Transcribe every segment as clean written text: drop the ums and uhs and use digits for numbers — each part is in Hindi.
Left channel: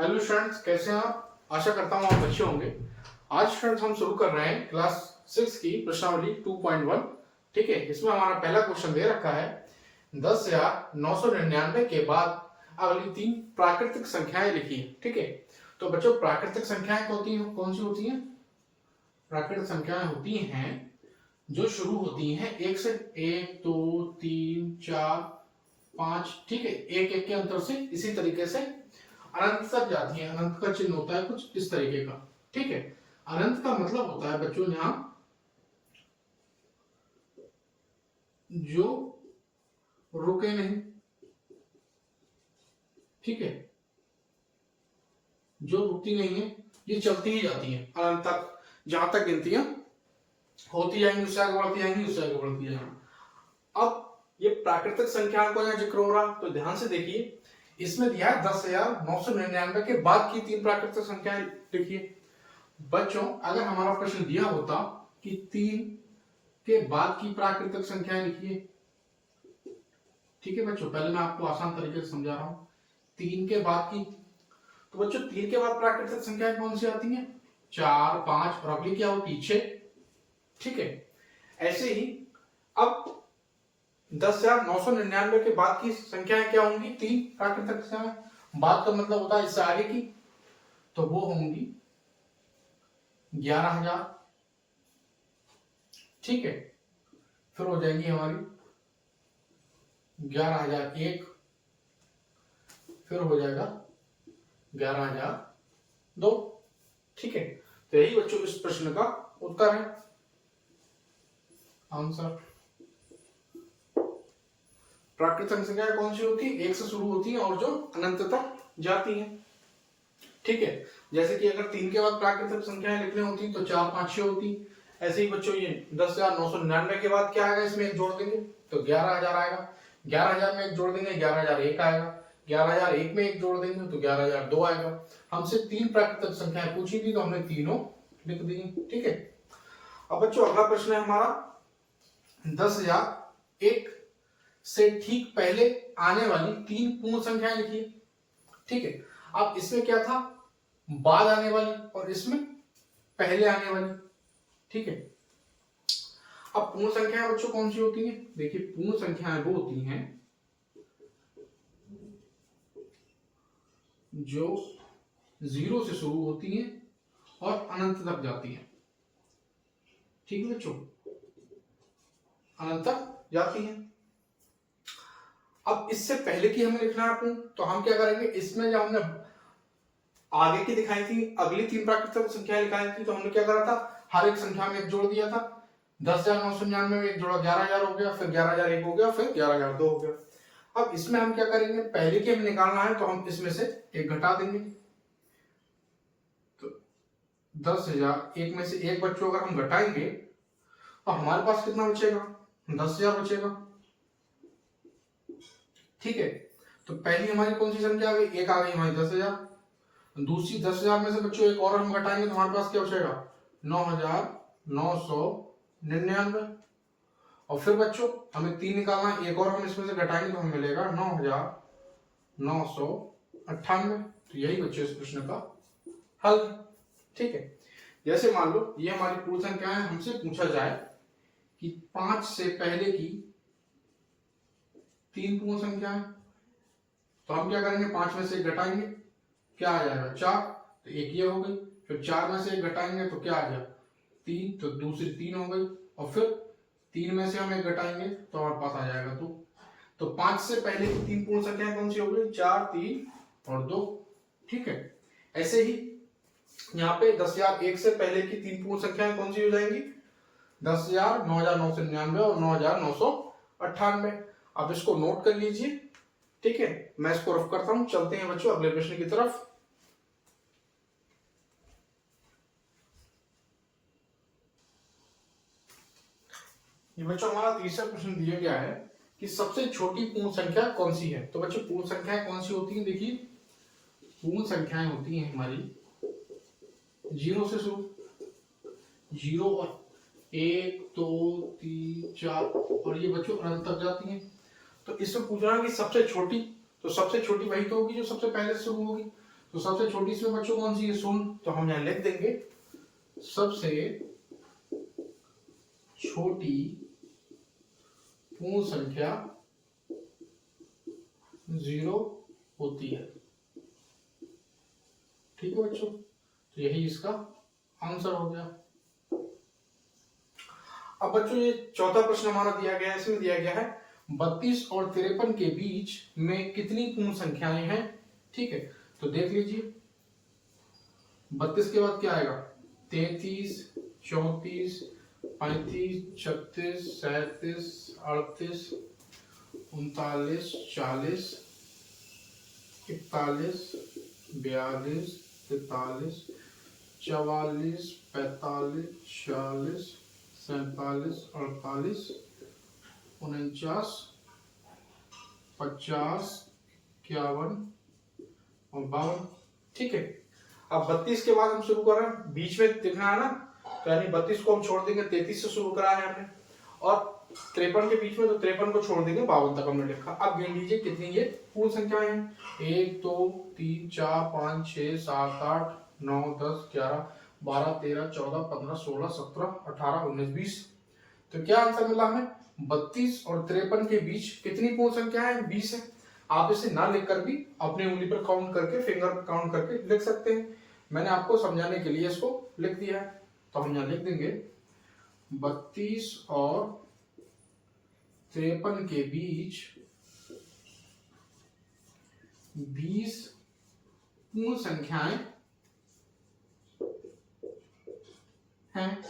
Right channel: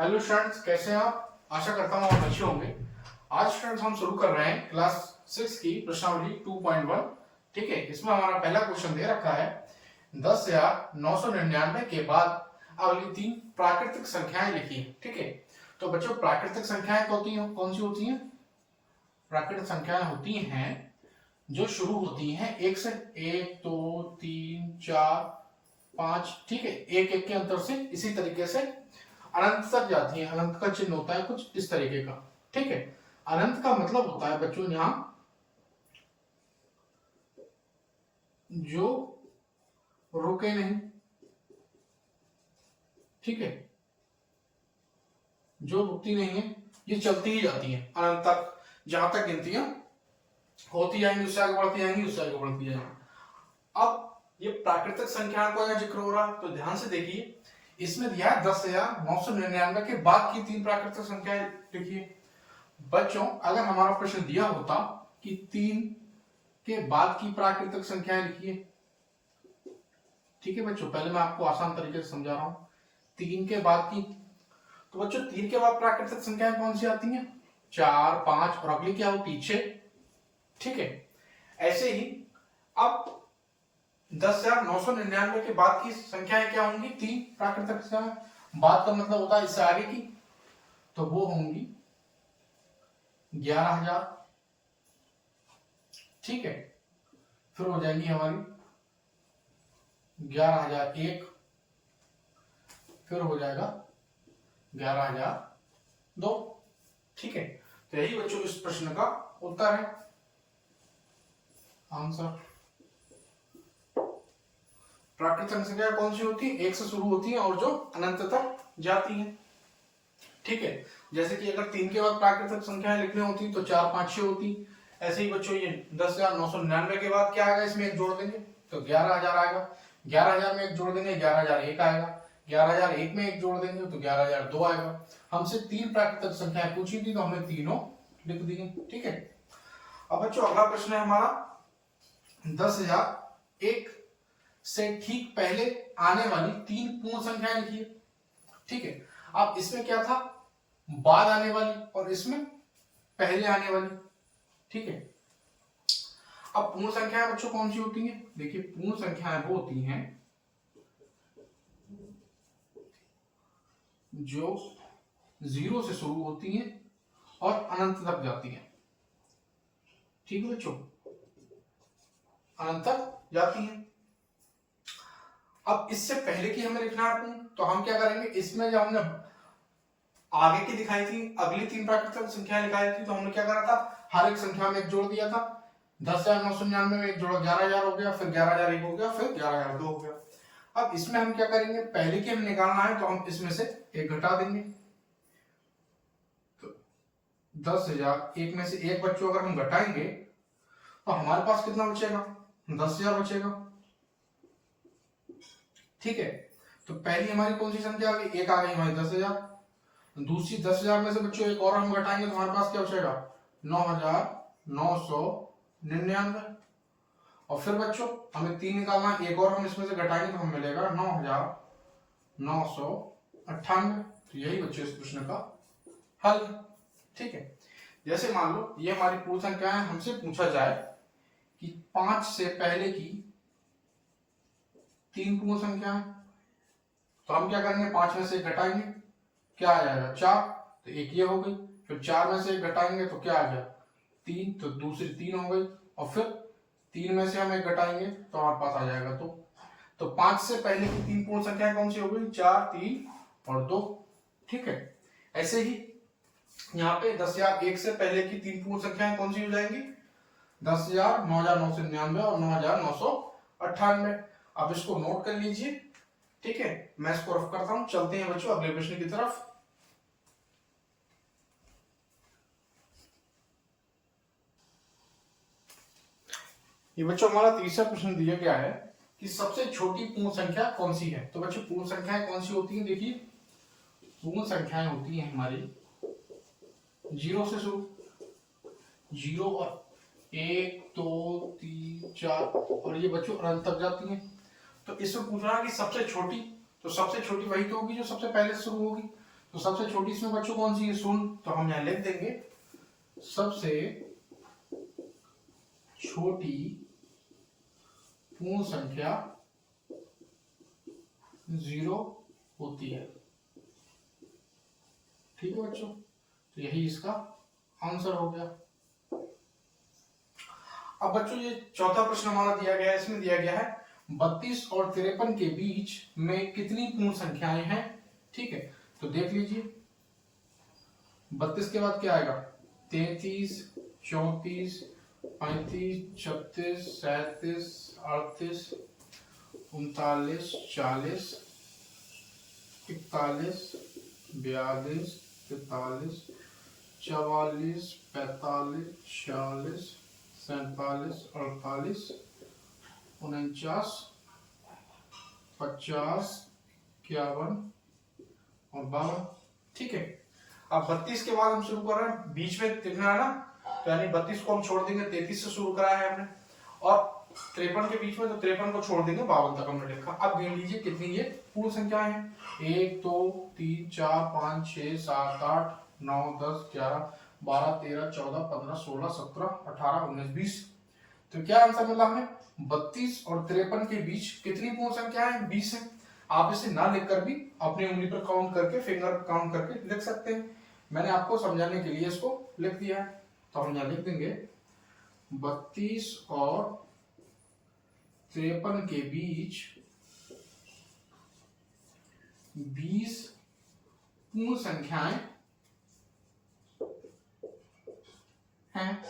हेलो स्टूडेंट्स, कैसे हैं आप? आशा करता हूँ आप अच्छे होंगे। आज स्टूडेंट्स हम शुरू कर रहे हैं क्लास 6 की प्रश्नावली 2.1। ठीक है, इसमें हमारा पहला क्वेश्चन दे रखा है 10,999 के बाद अगली तीन प्राकृतिक संख्याएं लिखिए। ठीक है, तो बच्चों प्राकृतिक संख्याएं कौन सी होती हैं? प्राकृतिक संख्याएं होती हैं जो शुरू होती हैं एक से, 1 2 3 4 5। ठीक है, एक एक के अंतर से इसी तरीके से अनंत तक जाती है। अनंत का चिन्ह होता है कुछ इस तरीके का। ठीक है, अनंत का मतलब होता है बच्चों यहां जो रुके नहीं। ठीक है, जो रुकती नहीं है, ये चलती ही जाती है अनंत तक। जहां तक गिनतियां होती जाएंगी उससे आगे बढ़ती जाएंगी, उससे आगे बढ़ती जाएंगी। अब ये प्राकृतिक संख्या का जिक्र हो रहा है तो ध्यान से देखिए, इसमें दिया है 10,999 के बाद की तीन प्राकृतिक संख्याएं लिखिए। बच्चों अगर हमारा प्रश्न दिया होता कि 3 के बाद की प्राकृतिक संख्याएं लिखिए। ठीक है बच्चों, पहले मैं आपको आसान तरीके से समझा रहा हूं। 3 के बाद की, तो बच्चों 3 के बाद प्राकृतिक संख्याएं कौन सी आती हैं? 4 5 और अगली क्या होती है? 6। ठीक है, ऐसे ही अब 10,999 के बाद की संख्याएं क्या होंगी? तीन प्राकृतिक संख्याएं। बाद का मतलब होता है इससे आगे की, तो वो होंगी 11,000। ठीक है, फिर हो जाएंगी हमारी 11,001, फिर हो जाएगा 11,002। ठीक है, तो यही बच्चों इस प्रश्न का उत्तर है, आंसर। प्राकृतिक संख्या कौन सी होती है? एक से शुरू होती है और जो अनंत तक जाती है। ठीक है, जैसे कि अगर 3 के बाद प्राकृतिक संख्याएं लिखनी होती तो 4 5 6 होती। ऐसे ही बच्चों ये 10,999 के बाद क्या आएगा? इसमें एक जोड़ देंगे तो 11,000 आएगा। 11,000 में एक जोड़ देंगे 11,001 आएगा। 11,001 में एक जोड़ देंगे तो 11,002 आएगा। हमसे तीन प्राकृतिक संख्याएं पूछी थी तो हमने तीनों लिख दी। ठीक है, अब बच्चों अगला प्रश्न है हमारा 10,001 से ठीक पहले आने वाली तीन पूर्ण संख्याएं लिखिए। ठीक है, अब इसमें क्या था? बाद आने वाली और इसमें पहले आने वाली। ठीक है, अब पूर्ण संख्याएं बच्चों कौन सी होती हैं? देखिए पूर्ण संख्याएं वो होती हैं जो 0 से शुरू होती हैं और अनंत तक जाती हैं। ठीक है बच्चों, अनंत तक जाती हैं। अब इससे पहले की हमें लिखना है पूर्ण, तो हम क्या करेंगे? इसमें जब हमने आगे की दिखाई थी, अगली तीन प्राकृतिक संख्याएं दिखाई थी, तो हमने क्या करा था? हर एक संख्या में एक जोड़ दिया था। 10,999 में एक जोड़ा 11,000 हो गया, फिर 11,001 हो गया, फिर 11,002 हो गया। अब इसमें हम क्या करेंगे? पहले की हम निकालना है तो हम इसमें से एक घटा देंगे। तो 10,001 में से एक बच्चों अगर हम घटाएंगे तो हमारे पास कितना बचेगा? 10,000 बचेगा। ठीक है, तो पहली हमारी कौन सी संख्या आ गई? एक आ गई हमारी 10,000। दूसरी 10,000 में से बच्चों एक और हम घटाएंगे तो हमारे पास क्या बचेगा? 9,999। और फिर बच्चों हमें 3 निकालना, एक और हम इसमें से घटाएंगे तो हमें मिलेगा 9,998। तो यही बच्चों इस प्रश्न का हल। ठीक है, जैसे मान लो ये हमारी पूर्ण संख्या है, हमसे पूछा जाए कि 5 से पहले की तीन पूर्ण संख्या है, तो हम क्या करेंगे? 5 में से एक घटाएंगे, क्या आ जाएगा? 4। तो एक ये हो गई। फिर 4 में से एक घटाएंगे तो क्या आ गया? 3। तो दूसरी 3 हो गई। और फिर 3 में से हम एक घटाएंगे तो हमारे पास आ जाएगा 2। तो 5 से पहले की तीन पूर्ण संख्या कौन सी हो गई? 4 3 और 2। ठीक है, ऐसे ही यहाँ पे 10,001 से पहले की तीन पूर्ण संख्याएं कौन सी हो जाएंगी? 10,000, 9,999 और 9,998। अब इसको नोट कर लीजिए। ठीक है, मैं इसको रफ करता हूं, चलते हैं बच्चों अगले प्रश्न की तरफ। ये बच्चों हमारा तीसरा प्रश्न दिया गया है कि सबसे छोटी पूर्ण संख्या कौन सी है। तो बच्चों पूर्ण संख्याएं कौन सी होती हैं? देखिए पूर्ण संख्याएं होती हैं हमारी 0 से शुरू, 0 और 1 2 3 4 और ये बच्चों अनंत तक जाती हैं। तो इसमें पूछ रहा है कि सबसे छोटी, तो सबसे छोटी वही तो होगी जो सबसे पहले शुरू होगी। तो सबसे छोटी इसमें बच्चों कौन सी है? शून्य। तो हम यहां लिख देंगे सबसे छोटी पूर्ण संख्या 0 होती है। ठीक है बच्चों, तो यही इसका आंसर हो गया। अब बच्चों ये चौथा प्रश्न हमारा दिया गया है, इसमें दिया गया है 32 और 53 के बीच में कितनी पूर्ण संख्याएं हैं। ठीक है, तो देख लीजिए 32 के बाद क्या आएगा? 33, 34, 35, 36, 37, 38, 39, 40, 41, 42, 43, 44, 45, 46, 47, 48, 49, 50, 51 और 52। ठीक है, अब 32 के बाद हम शुरू कर रहे हैं, बीच में लिखना है ना, तो यानी 32 को हम छोड़ देंगे, 33 से शुरू करा है हमने, और 53 के बीच में, तो 53 को छोड़ देंगे, 52 तक हमने लिखा। अब गिन लीजिए कितनी ये पूर्ण संख्याएं हैं। 1 2 3 4 5 6 7 8 9 10 11 12 13 14 15 16 17 18 19 20। तो क्या आंसर मिला हमें? 32 और 53 के बीच कितनी पूर्ण संख्याएं हैं? 20 है। आप इसे ना लिखकर भी अपनी उंगली पर काउंट करके, फिंगर काउंट करके लिख सकते हैं। मैंने आपको समझाने के लिए इसको लिख दिया है, तो हम यहां लिख देंगे 32 और 53 के बीच 20 पूर्ण संख्याएं हैं।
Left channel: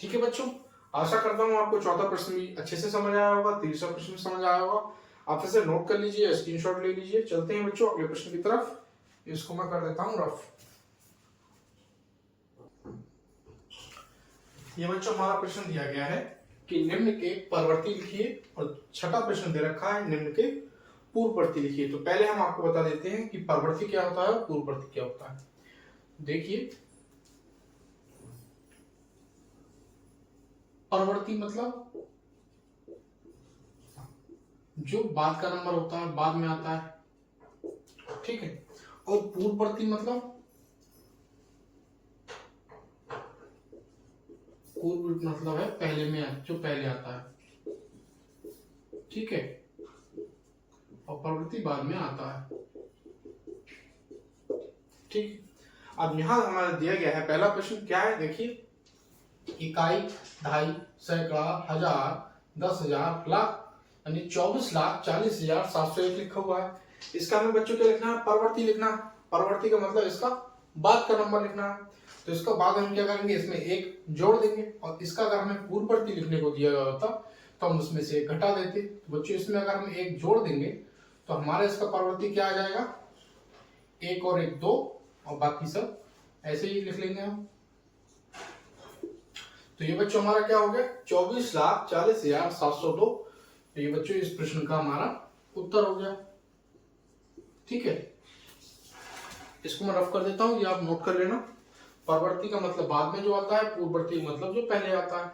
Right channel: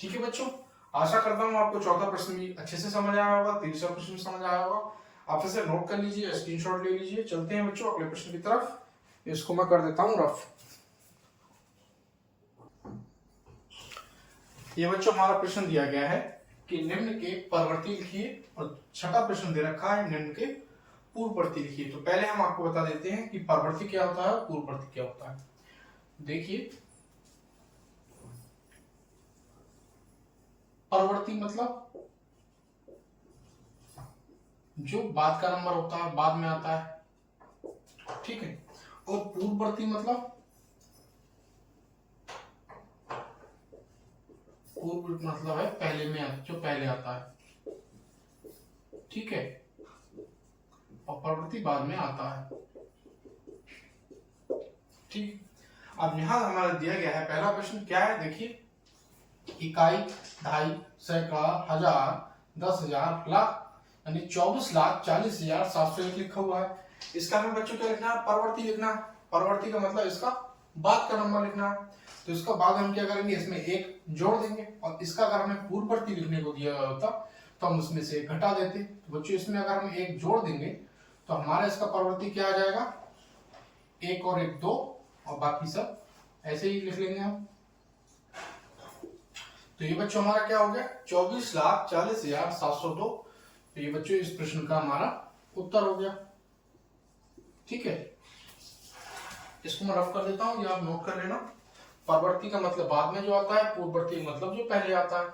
ठीक है बच्चों, आशा करता हूं आपको चौथा प्रश्न भी अच्छे से समझ आया होगा, तीसरा प्रश्न भी समझ आया होगा। आप इसे नोट कर लीजिए, स्क्रीनशॉट ले लीजिए। चलते हैं बच्चों अगले प्रश्न की तरफ। इसको मैं कर देता हूं रफ। ये बच्चों हमारा प्रश्न दिया गया है कि निम्न के परवर्ती लिखिए, और छठा प्रश्न दे रखा है निम्न के पूर्ववर्ती लिखिए। तो पहले हम आपको बता देते हैं कि परवर्ती क्या होता है और पूर्ववर्ती क्या होता है। देखिए, परवर्ती मतलब जो बाद का नंबर होता है, बाद में आता है। ठीक है, और पूर्ववर्ती मतलब पूर्व मतलब है पहले में, जो पहले आता है। ठीक है, और परवर्ती बाद में आता है। ठीक, अब यहां हमारा दिया गया है पहला प्रश्न क्या है, देखिए, इकाई, दहाई, सैकड़ा, हजार, 10,000, लाख, यानी 24,40,701 लिखा हुआ है। इसका हमें बच्चों क्या लिखना है? परवर्ती लिखना है। परवर्ती का मतलब इसका बाद का नंबर लिखना है। तो इसका बाद हम क्या करेंगे? इसमें एक जोड़ देंगे, और इसका अगर हमें पूर्ववर्ती लिखने को दिया गया होता तो हम उसमें से घटा देते। तो बच्चों इसमें अगर हम एक जोड़ देंगे तो हमारा इसका परवर्ती क्या आ जाएगा? 1 और 1 2, और बाकी सब ऐसे ही लिख लेंगे हम। तो ये बच्चों हमारा क्या हो गया? 24,40,702। तो ये बच्चों इस प्रश्न का हमारा उत्तर हो गया। ठीक है, इसको मैं रफ कर देता हूं, ये आप नोट कर लेना। परवर्ती का मतलब बाद में जो आता है, पूर्ववर्ती का मतलब जो पहले आता है।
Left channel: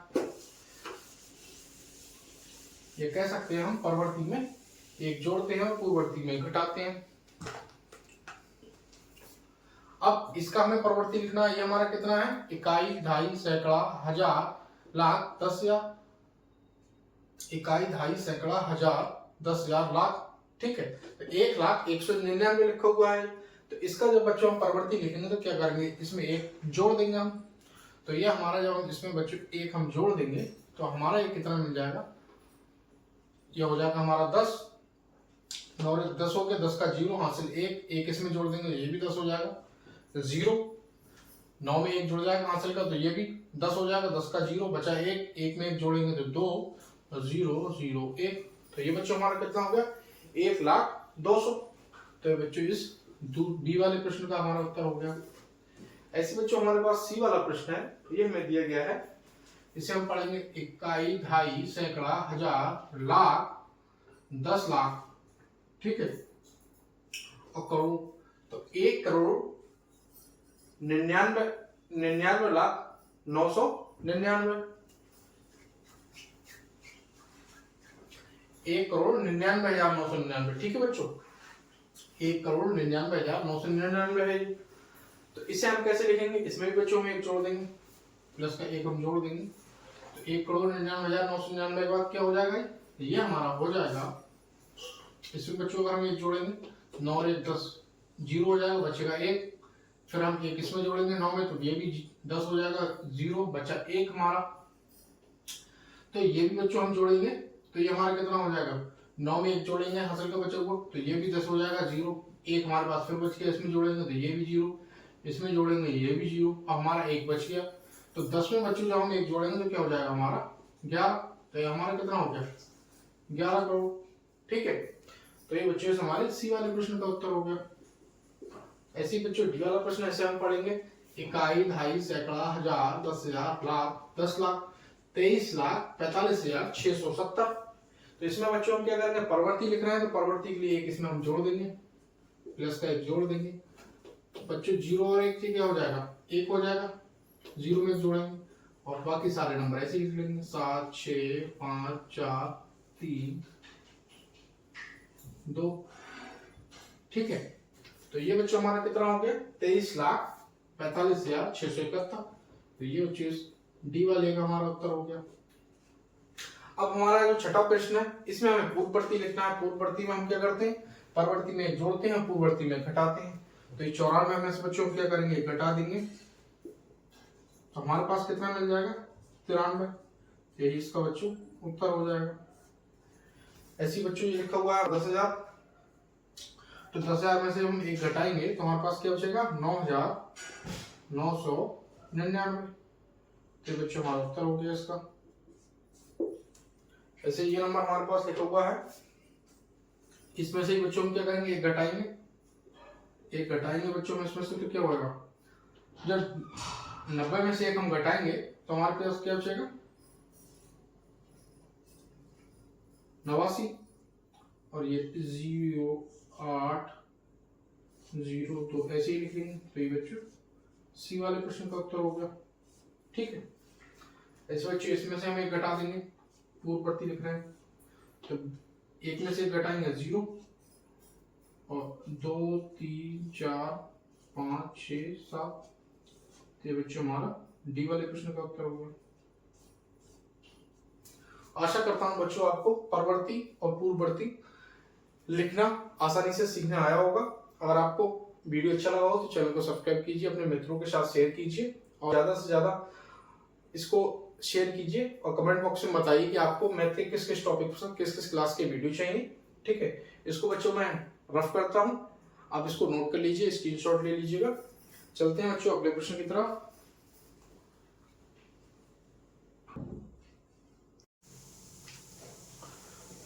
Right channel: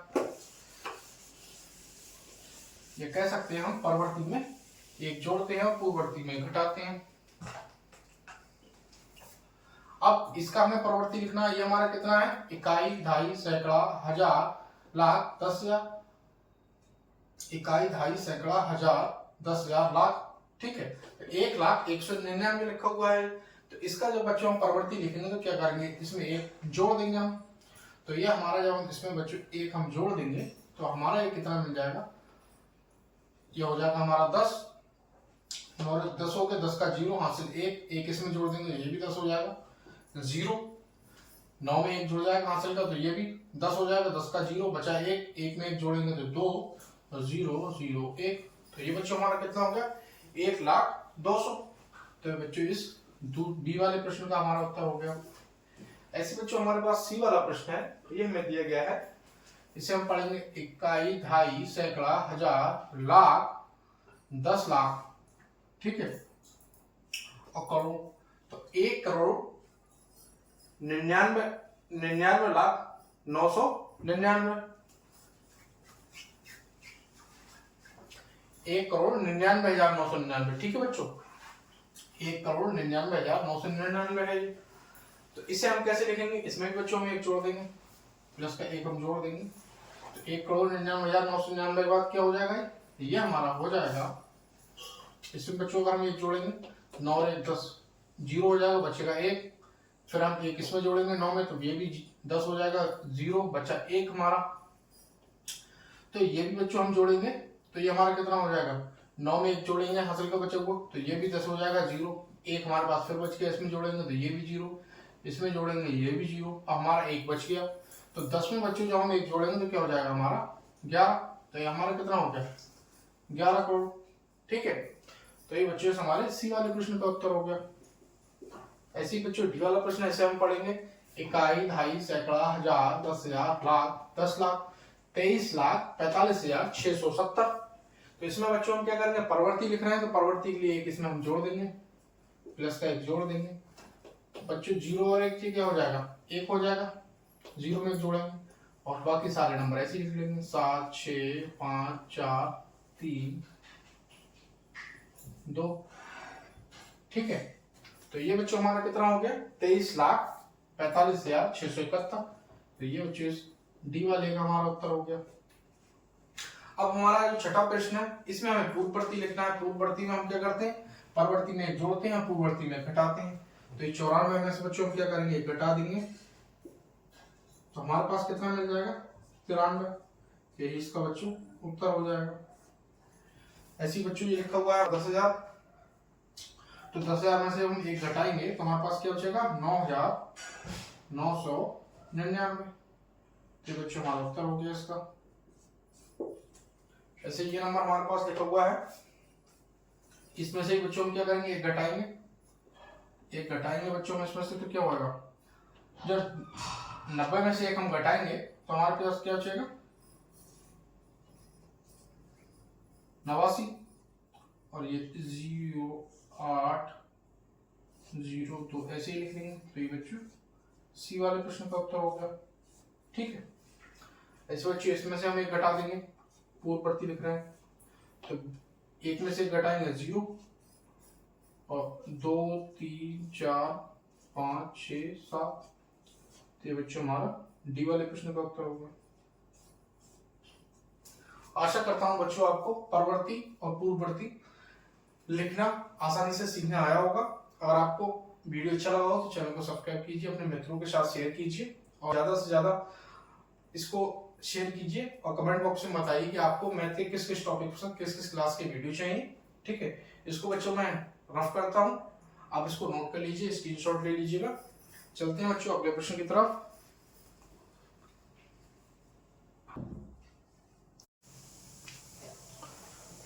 ये कह सकते हैं हम परवर्ती में एक जोड़ते हैं और पूर्ववर्ती में घटाते हैं। अब इसका हमें परवर्ती लिखना है। ये हमारा कितना है? इकाई, दहाई, सैकड़ा, हजार, लाख, 10,000। इकाई, दहाई, सैकड़ा, हजार, 10,000, लाख। ठीक है, तो 1,01,99 लिखा हुआ है। तो इसका जब बच्चों हम परवर्ती लिखेंगे तो क्या करेंगे? इसमें एक जोड़ देंगे हम। तो ये हमारा जब हम इसमें बच्चों एक हम जोड़ देंगे तो हमारा ये कितना मिल जाएगा? ये हो जाएगा हमारा 10। 10 हो गया, 10 का 0 हासिल 1 इसमें जोड़ देंगे, ये भी 10 हो जाएगा। 0 9 में 1 जुड़ जाएगा हासिल का, तो ये भी 10 हो जाएगा। 10 का 0 बचा 1 में 1 जोड़ेंगे तो 2 0 0 1। तो ये बच्चों हमारा कितना हो गया? 1,02,000। तो बच्चों इस बी वाले प्रश्न का हमारा उत्तर हो गया। ऐसे बच्चों हमारे पास सी वाला प्रश्न है, ये हमें दिया गया है। इसे हम पढ़ेंगे इकाई, दहाई, सैकड़ा, हजार, लाख, 10 लाख। ठीक है, और करोड़। तो 1,99,99,999। 1,99,999। ठीक है बच्चों, 1,99,999 है ये। तो इसे हम कैसे लिखेंगे, इसमें भी बच्चों में एक जोड़ देंगे, प्लस का एक हम जोड़ देंगे, तो 1,99,999 के बाद क्या हो जाएगा, ये हमारा हो जाएगा। इसमें बच्चों का हम एक जोड़ेंगे, 9 और 1 10, 0 हो जाएगा, बचेगा 1। फिर हम एक इसमें जोड़ेंगे 9 में, तो ये भी 10 हो जाएगा, 0 बचा 1 हमारा। तो ये भी बच्चों हम जोड़ेंगे, तो ये हमारा कितना हो जाएगा, 9 में 1 जोड़ेंगे हासिल का बच्चा को, तो ये भी 10 हो जाएगा, 0 1 हमारे पास फिर बच गया, इसमें जोड़ेंगे तो ये भी 0, इसमें जोड़ेंगे ये भी 0, अब हमारा 1 बच गया। तो 10 में बच्चों जब हम 1 जोड़ेंगे तो क्या हो जाएगा हमारा 11। तो ये हमारा कितना हो गया, 11 करोड़। ठीक है, तो ये बच्चों से हमारे सी वाले प्रश्न का उत्तर हो गया। ऐसे ही बच्चों डी वाला प्रश्न ऐसे हम पढ़ेंगे, इकाई, दहाई, सैकड़ा, हजार, 10,000, लाख, 10 लाख, 23,45,670। तो इसमें बच्चों हम क्या करेंगे, परवर्ती लिख रहे हैं तो परवर्ती के लिए एक इसमें हम जोड़ देंगे, प्लस का एक जोड़ देंगे। बच्चों 0 और 1 क्या हो जाएगा, 1 हो जाएगा, 0 में 1 जोड़ेंगे और बाकी सारे नंबर ऐसे लिख लेंगे, 7 6 5 4 3 2। ठीक है, तो ये बच्चों हमारा कितना हो गया, 23,45,671। तो ये बच्चों डी वाले का हमारा उत्तर हो गया। अब हमारा जो छठा प्रश्न है, इसमें हमें पूर्ववर्ती लिखना है। पूर्ववर्ती में हम क्या करते हैं, परवर्ती में जोड़ते हैं, पूर्ववर्ती में घटाते हैं। तो ये 94 में से बच्चों क्या करेंगे, घटा देंगे, तो हमारे पास कितना मिल जाएगा, 93। यही इसका बच्चों उत्तर हो जाएगा। ऐसी बच्चों ये लिखा हुआ है 10,000, तो 10,000 में से हम एक घटाएंगे तो हमारे पास क्या बचेगा, 9,999। तो बच्चों हमारा उत्तर हो गया इसका। ऐसे ये नंबर हमारे पास लिखा हुआ है, इसमें से बच्चों हम क्या करेंगे, एक घटाएंगे बच्चों में, इसमें से तो क्या होगा, जब 90 में से एक हम घटाएंगे तो हमारे पास क्या बचेगा, 89। और ये 0 8 0 तो ऐसे ही लिखेंगे। तो ये बच्चों सी वाले प्रश्न का उत्तर हो गया। ठीक है, ऐसे बच्चों इसमें से हम एक घटा देंगे, पूर्ववर्ती लिख रहे हैं तो एक में से घटाएंगे 0 और 2 3 4 5 6 7। तो ये बच्चों हमारा डी वाले प्रश्न का उत्तर हो गया। आशा करता हूं बच्चों आपको परवर्ती और पूर्ववर्ती लिखना आसानी से सीखने आया होगा। अगर आपको वीडियो अच्छा लगा हो तो चैनल को सब्सक्राइब कीजिए, अपने मित्रों के साथ शेयर कीजिए और ज्यादा से ज्यादा इसको शेयर कीजिए और कमेंट बॉक्स में बताइए कि आपको मैथ के किस किस टॉपिक पर किस किस क्लास के वीडियो चाहिए। ठीक है, इसको बच्चों मैं रफ करता हूं, आप इसको नोट कर लीजिए, स्क्रीनशॉट ले लीजिएगा। चलते हैं बच्चों अगले प्रश्न की तरफ।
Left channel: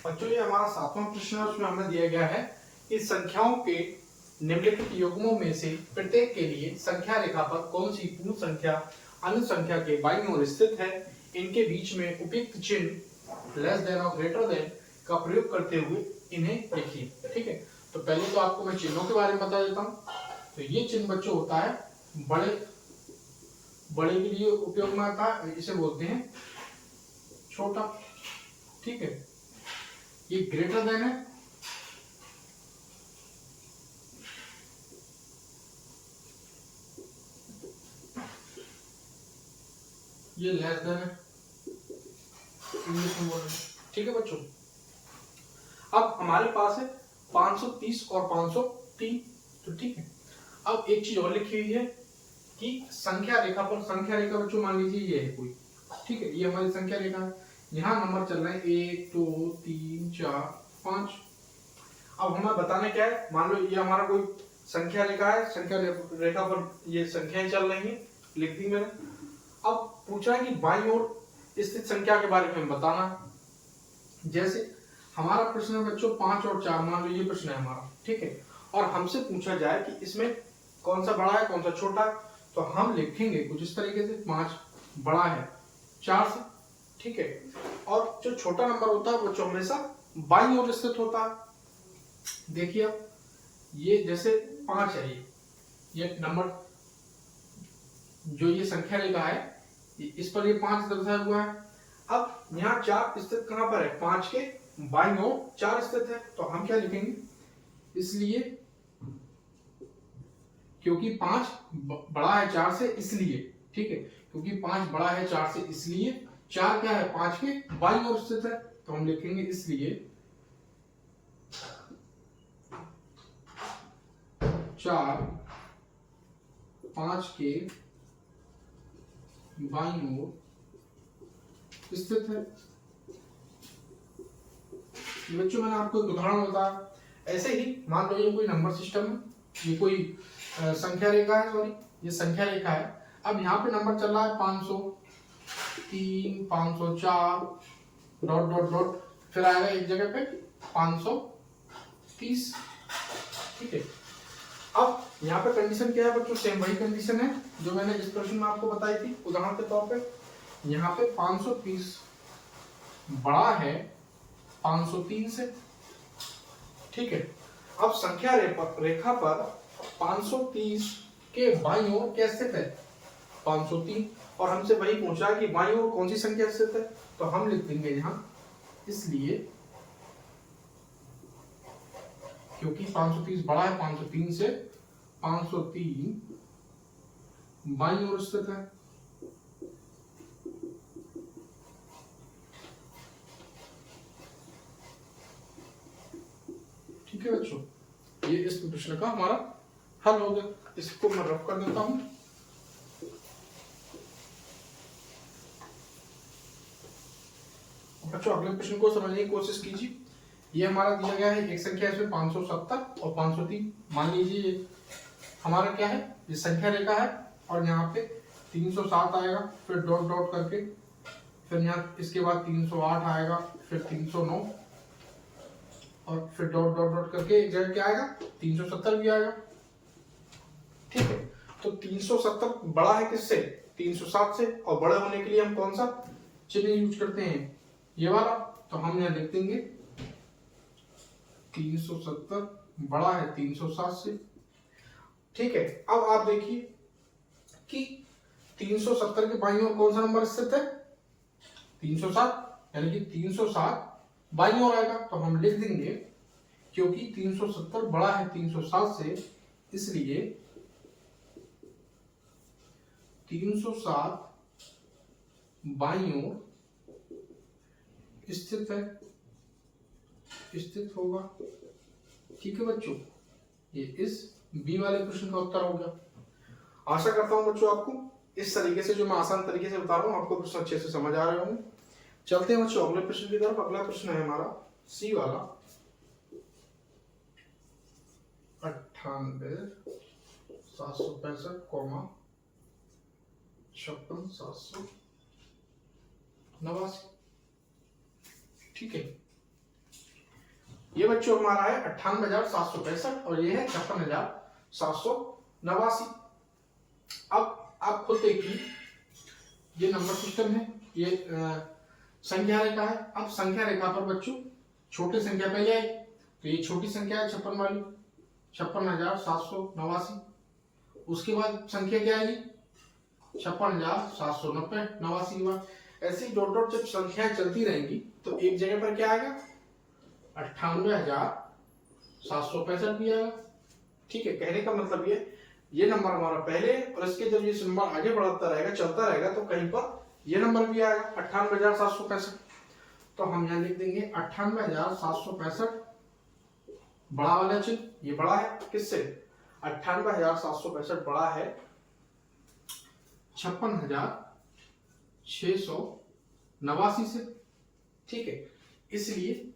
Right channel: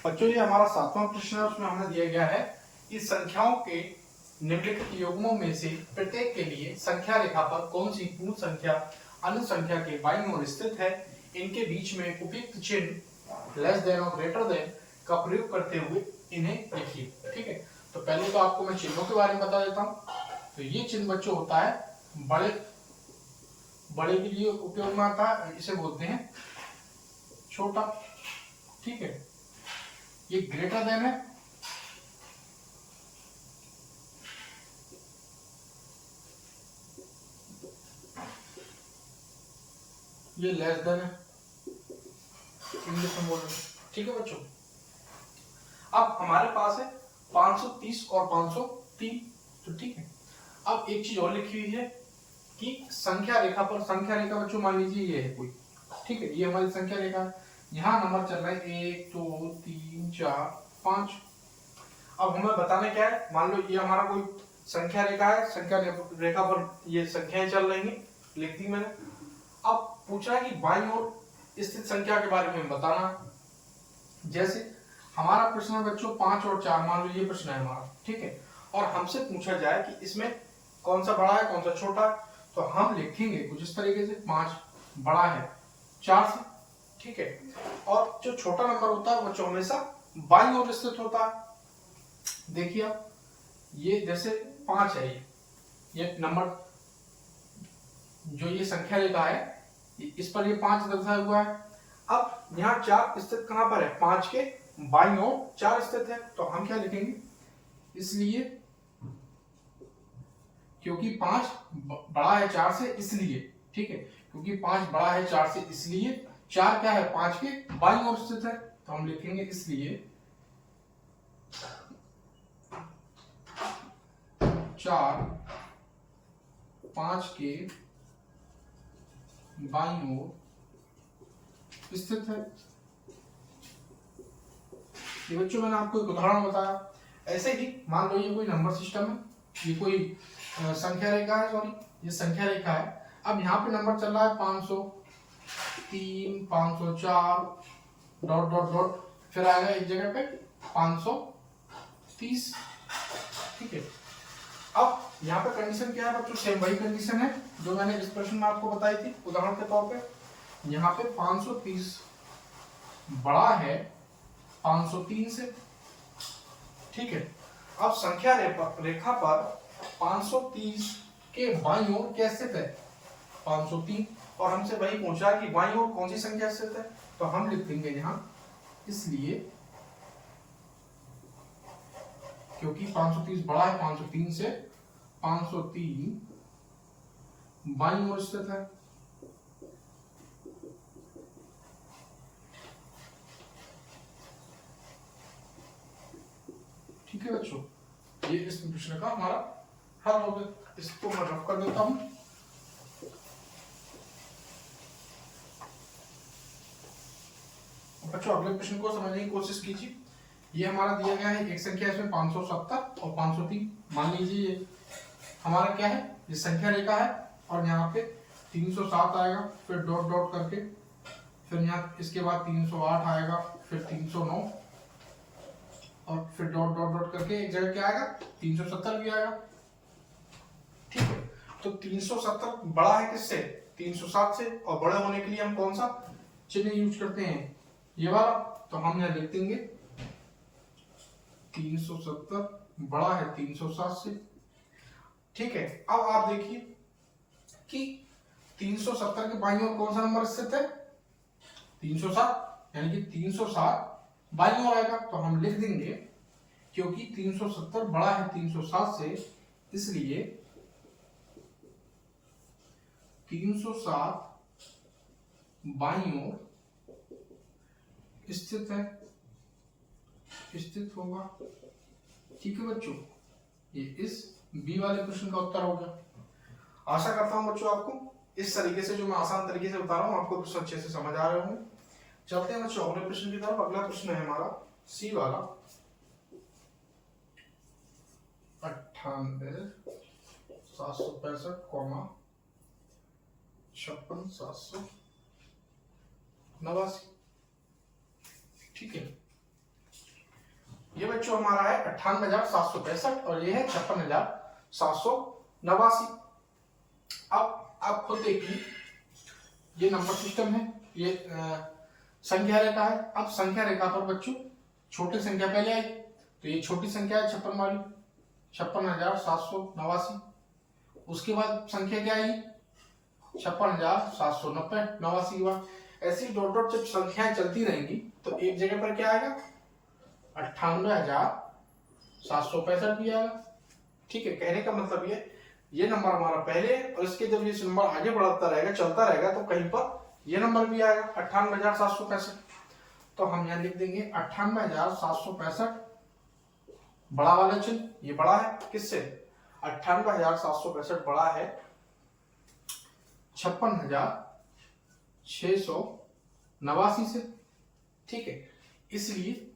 बच्चों ये हमारा 7वां प्रश्न है, उसमें हमें दिया गया है कि संख्याओं के निम्नलिखित युग्मों में से प्रत्येक के लिए संख्या रेखा पर कौन सी पूर्ण संख्या अन्य संख्या के बाईं ओर स्थित है, इनके बीच में उपयुक्त चिन्ह लेस देन और ग्रेटर देन का प्रयोग करते हुए इन्हें लिखिए। ठीक है, तो पहले तो आपको मैं चिन्हों के बारे में बता देता हूँ। तो ये चिन्ह बच्चों होता है बड़े के लिए उपयोग में आता है, इसे बोलते हैं छोटा। ठीक है, ये ग्रेटर देन है, ये लेस देन है, इंग्लिश में बोल रहे हैं। ठीक है बच्चों, अब हमारे पास है 530 और 503। तो ठीक है, अब एक चीज और लिखी हुई है कि संख्या रेखा पर, संख्या रेखा बच्चों मान लीजिए ये है कोई, ठीक है, ये हमारी संख्या रेखा है, यहाँ नंबर चल रहे हैं 1 2 3 4 5। अब हमें बताना क्या है, मान लो ये हमारा कोई संख्या रेखा है, संख्या रेखा पर ये संख्याएं चल रही हैं, लिख दी मैंने। अब पूछा है कि बाईं ओर स्थित संख्या के बारे में बताना है। जैसे हमारा प्रश्न है बच्चों 5 और 4, मान लो ये प्रश्न है हमारा। ठीक है, और हमसे पूछा जाए कि इसमें कौन सा बड़ा है कौन सा छोटा, तो हम लिखेंगे कुछ इस तरीके से, 5 बड़ा है 4 से। ठीक है, और जो छोटा नंबर होता है वो हमेशा बाईं ओर स्थित होता है। देखिए अब ये जैसे 5 है, ये नंबर जो ये संख्या रेखा है इस पर ये 5 दर्शाया हुआ है। अब यहाँ 4 स्थित कहां पर है, 5 के बाईं ओर 4 स्थित है, तो हम क्या लिखेंगे, इसलिए क्योंकि 5 बड़ा है 4 से इसलिए, ठीक है, क्योंकि 5 बड़ा है 4 से इसलिए 4 क्या है 5 के बाईं ओर स्थित है, तो हम लिखेंगे इसलिए 4 5 के बाईं ओर स्थित है। ये बच्चों मैंने आपको एक उदाहरण बताया। ऐसे ही मान लो ये कोई नंबर सिस्टम है, ये कोई संख्या रेखा है, सॉरी ये संख्या रेखा है। अब यहाँ पे नंबर चल रहा है 503 504 डॉट डॉट डॉट, फिर आएगा एक जगह पे 530, ठीक है। अब यहाँ पे कंडीशन क्या है बच्चों, सेम वही कंडीशन है जो मैंने इस प्रश्न में आपको बताई थी उदाहरण के तौर पे। यहाँ पे 530 बड़ा है 503 से, ठीक है। अब संख्या रेखा पर 530 के बाईं ओर क्या स्थित है 503, और हमसे वही पूछा कि बाईं ओर कौन सी संख्या स्थित है, तो हम लिख देंगे यहाँ इसलिए क्योंकि 530 बड़ा है 503 से, 503 बाईं ओर स्थित है। ठीक है बच्चों, ये इस प्रश्न का हमारा हल हो गया। इसको मैं रफ कर देता हूं। बच्चों अगले प्रश्न को समझने की कोशिश कीजिए। ये हमारा दिया गया है एक संख्या, इसमें 570 और 503 मान लीजिए ये हमारा क्या है, ये संख्या रेखा है, और यहाँ पे 307 आएगा, फिर डॉट डॉट करके, फिर यहाँ इसके बाद 308 आएगा, फिर 309, और फिर डॉट डॉट डॉट करके एक जगह क्या आएगा 370 भी आएगा, ठीक है। तो 370 बड़ा है किससे 307 से, और बड़े होने के लिए हम कौन सा चिन्ह यूज करते हैं, ये वाला, तो हम यहाँ लिख देंगे 370 बड़ा है 307 से, ठीक है। अब आप देखिए कि 370 के बाईं ओर कौन सा नंबर स्थित है 307, यानी कि 307 बाईं ओर आएगा, तो हम लिख देंगे क्योंकि 370 बड़ा है 307 से, इसलिए 307 बाईं ओर स्थित है, स्थित होगा, ठीक है बच्चों। ये इस बी वाले प्रश्न का उत्तर होगा। आशा करता हूं बच्चों आपको इस तरीके से, जो मैं आसान तरीके से बता रहा हूं, आपको प्रश्न अच्छे से समझ आ रहे होंगे। चलते हैं बच्चों अगले प्रश्न की तरफ। अगला प्रश्न है हमारा सी वाला 98,765, 56,789, ठीक है। ये बच्चों हमारा है 98,765 और ये है 56,789। अब आप खुद देखिए, ये नंबर सिस्टम है, ये संख्या रेखा है। अब संख्या रेखा पर बच्चों छोटी संख्या पहले आई, तो ये छोटी संख्या है 56 वाली, 56,789। उसके बाद संख्या क्या आएगी 56,790, 89 के बाद ऐसी डॉट डॉट जब संख्याएं चलती रहेंगी तो एक जगह पर क्या आएगा 98,765 भी आएगा, ठीक है। कहने का मतलब ये नंबर हमारा पहले, और इसके जब ये नंबर आगे बढ़ता रहेगा चलता रहेगा तो कहीं पर ये नंबर भी आएगा 98,765। तो हम यहाँ लिख देंगे 98,765 बड़ा वाला चिन्ह, ये बड़ा है किससे 98,765 बड़ा है 56,689 से, ठीक है। इसलिए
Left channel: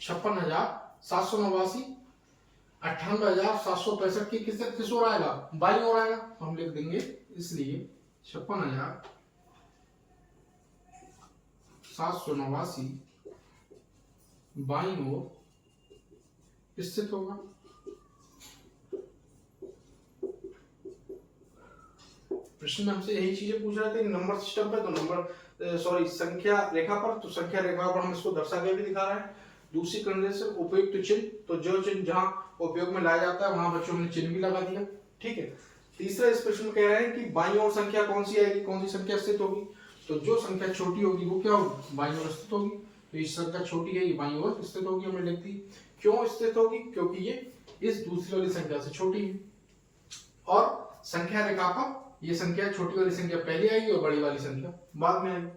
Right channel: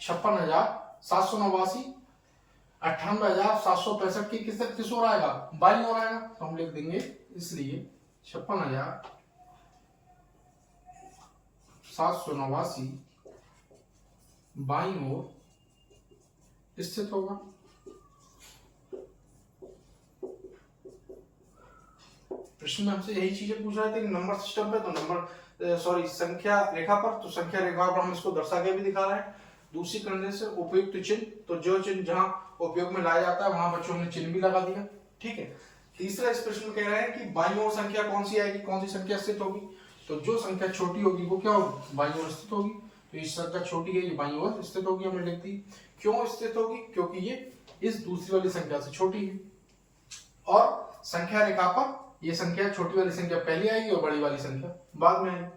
56,789 98,765 की किस ओर आएगा बाईं ओर आएगा, तो हम लिख देंगे इसलिए 56,789 बाईं ओर स्थित होगा। प्रश्न में हमसे यही चीजें पूछ रहे थे नंबर सिस्टम पे, तो संख्या रेखा पर, तो संख्या रेखा पर हम इसको दर्शा के भी दिखा रहे हैं। दूसरी कंडीशन उपयुक्त चिन्ह, तो जो चिन्ह जहां उपयोग में लाया जाता है वहां बच्चों ने चिन्ह भी लगा दिया, ठीक है। तीसरा इस प्रश्न में कह रहे हैं कि बाईं ओर संख्या कौन सी आएगी, कौन सी संख्या स्थित होगी, तो जो संख्या छोटी होगी वो क्या होगी बाईं ओर स्थित होगी। तो ये संख्या छोटी है, ये बाईं ओर स्थित होगी, हमने लिख दी। क्यों स्थित होगी? क्योंकि ये इस दूसरी वाली संख्या से छोटी है। और संख्या रेखा पर ये संख्या, छोटी वाली संख्या पहले आएगी और बड़ी वाली संख्या बाद में आएगी।